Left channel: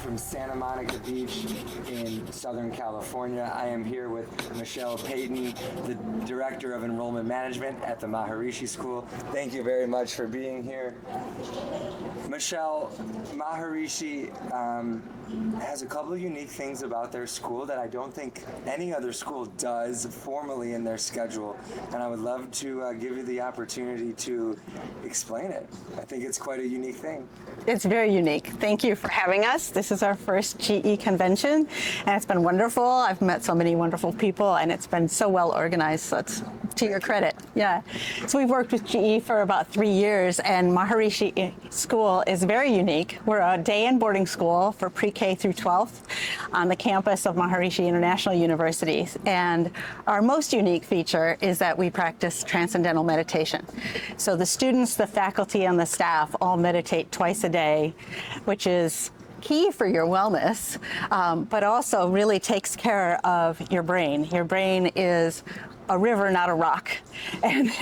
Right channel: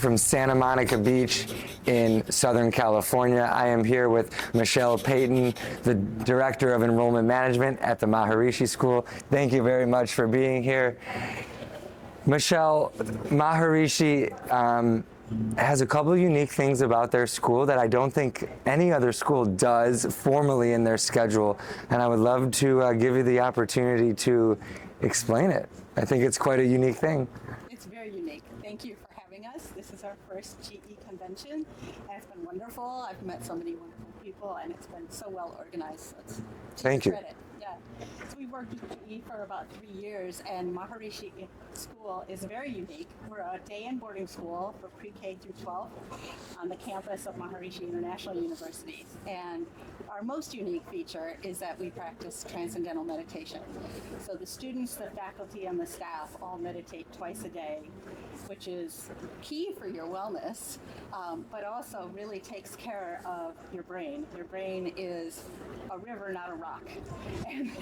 live from Santa Monica Beach in Southern California. I am here with Michelle Paton, the Director of Enrollment Management at the Maharishi School. Thank you very much for being here. Michelle, Maharishi has a couple of unique things about their school that I don't think any other school does formally in their schedule, and I would love to give you the opportunity to explain it. I think it's quite a unique thing. It's very unique. Thank you for having us. This is our first GE convention, and it's been wonderful. I've met so many wonderful people, and it's been so well organized, so it's to your credit. Yeah. So we've worked with GE for about 3 years, and Maharishi School is very unique. We're a day and boarding school for pre-K through 12th on the campus of Maharishi International University. And our most unique feature is that we practice transcendental meditation. So the students, the faculty, and the staff all meditate twice a day, which is key for your wellness, but also really takes care of your brain. Your brain is a river, not a rock. And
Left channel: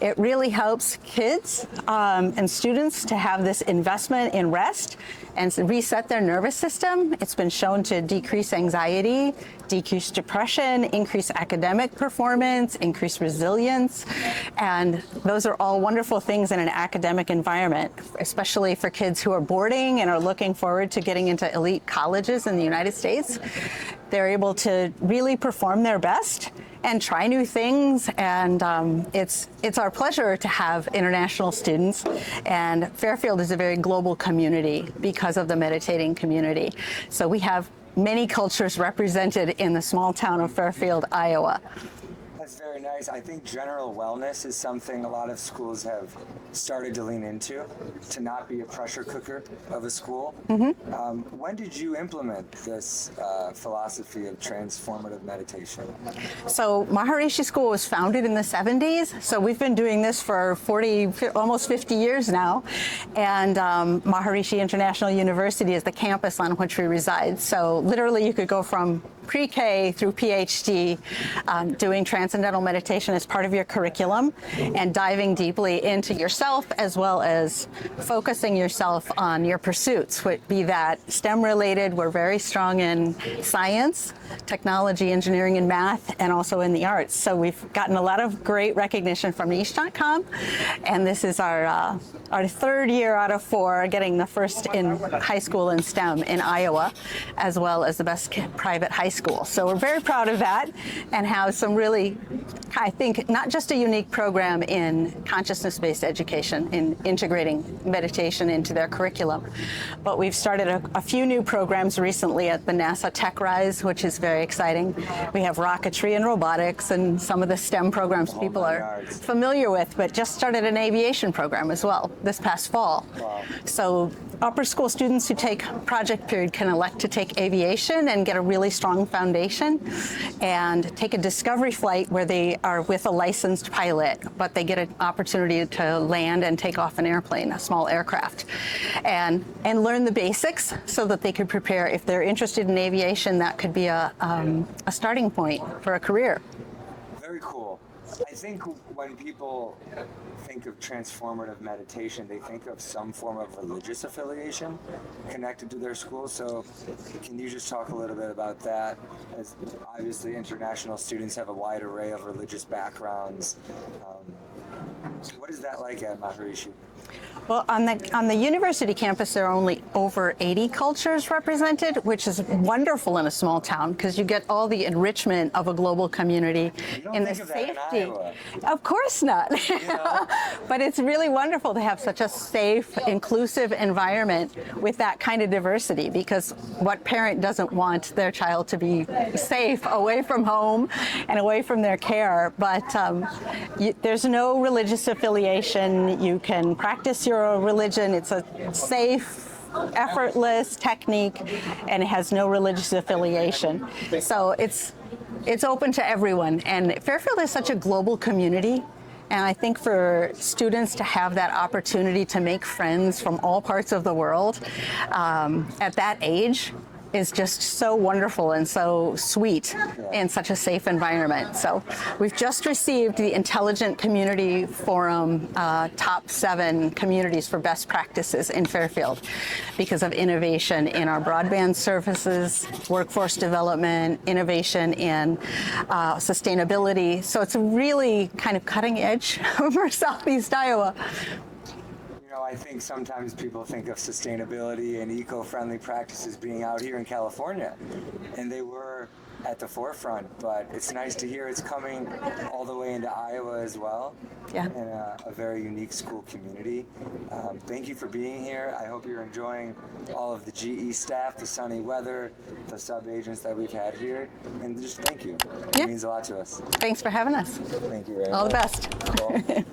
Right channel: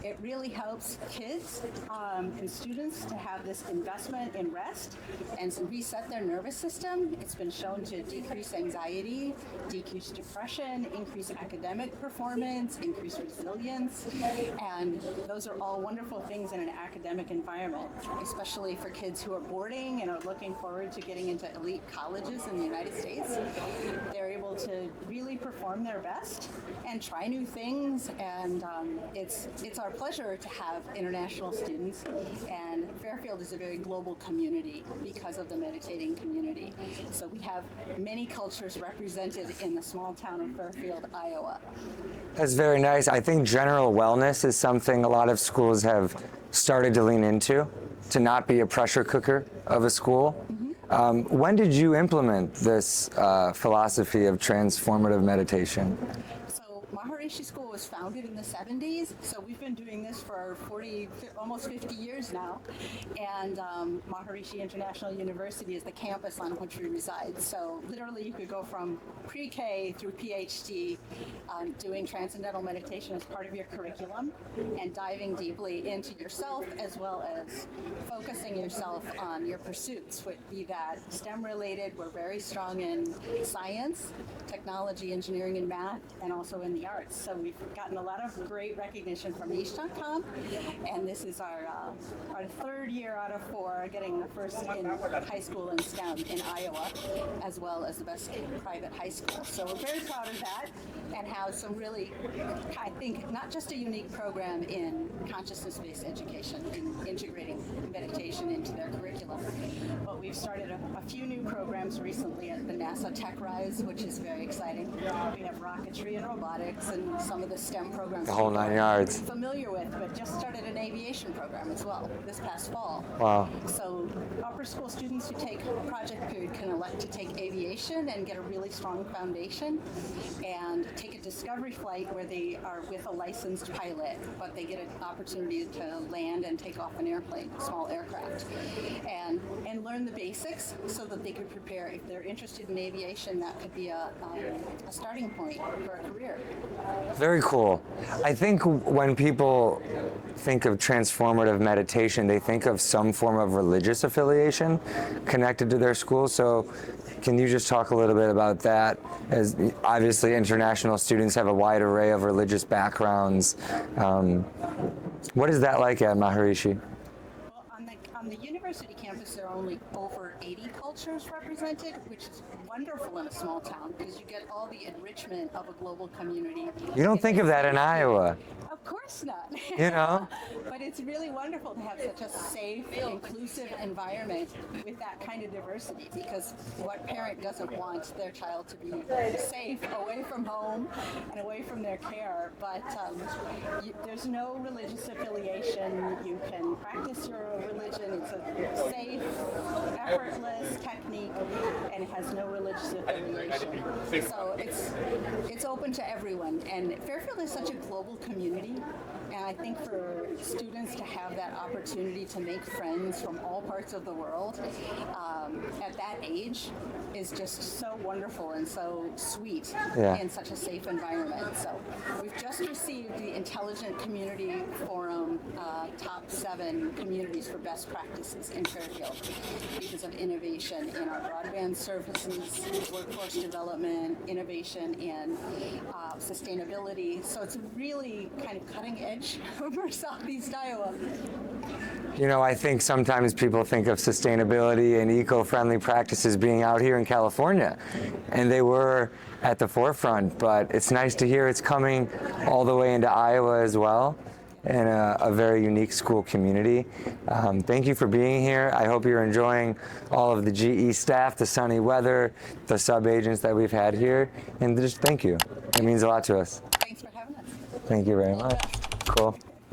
it really helps kids and students to have this investment in rest and reset their nervous system. It's been shown to decrease anxiety, decrease depression, increase academic performance, increase resilience. And those are all wonderful things in an academic environment, especially for kids who are boarding and are looking forward to getting into elite colleges in the United States. They're able to really perform their best and try new things, and it's our pleasure to have international students, and Fairfield is a very global community because of the meditating community. So we have many cultures represented in the small town of Fairfield, Iowa. That's very nice. I think general wellness is something a lot of schools have started to lean into, to not be a pressure cooker of a school. Mm-hmm. When did you implement this philosophy of transformative meditation? So Maharishi School was founded in the 70s, so we've been doing this for almost 50 years now, and Maharishi International University is the campus on which we reside. So literally you could go from pre-K through PhD doing transcendental meditation as part of your curriculum and diving deeply into yourself, as well as focusing yourself on your pursuits, be that STEM related. We're very strong in science, technology, engineering, and math, and also in the arts. So we've gotten a lot of great recognition from niche.com, and this is our third year out of 4 getting the first in high school in STEM in Iowa, as well as the best private high school. So we're very proud of that and have some really, I think, not just a unique program in consciousness-based education, in integrating meditation into their curriculum, but we've started a few new programs recently at the NASA Tech Rise, which is very exciting. We have rocketry and robotics and some of the STEM programs people are familiar with, but just started an aviation program as well this past fall. Wow. So upper school students who take project period can elect to take aviation and get a really strong foundation, and take a discovery flight where they are with a licensed pilot, but they get an opportunity to land and take off an airplane, a small aircraft, and learn the basics so that they could prepare. If they're interested in aviation, that could be a starting point for a career. Very cool. I think when people think of transformative meditation, they think of some form of religious affiliation connected to their school. So can you just talk a little bit about that? As obviously international students have a wide array of religious backgrounds. What is that like at Maharishi? Well, on the university campus, there are only over 80 cultures represented, which is wonderful in a small town because you get all the enrichment of a global community. You don't think of that in Iowa. Of course not. You know? But it's really wonderful to have such a safe, inclusive environment with that kind of diversity, because what parent doesn't want their child to be safe away from home and away from their care? But there's no religious affiliation. You can practice your religion. It's a safe, effortless technique, and it has no religious affiliation. So it's open to everyone. And Fairfield is such a global community, and I think for students to have that opportunity to make friends from all parts of the world at that age is just so wonderful and so sweet in such a safe environment. So we've just received the Intelligent Community Forum top 7 communities for best practices in Fairfield because of innovation in our broadband services, workforce development, innovation in sustainability. So it's really kind of cutting edge for Southeast Iowa. You know, I think sometimes people think of sustainability and eco-friendly practices being out here in California, and they were at the forefront, but it's nice to hear it's coming all the way into Iowa as well, and a very unique school community. Thank you for being here. I hope you're enjoying all of the GE staff, the sunny weather, the sub-agents that we've had here, and just thank you. It means a lot to us. Thanks for having us. Thank you very much. All the best. Cool.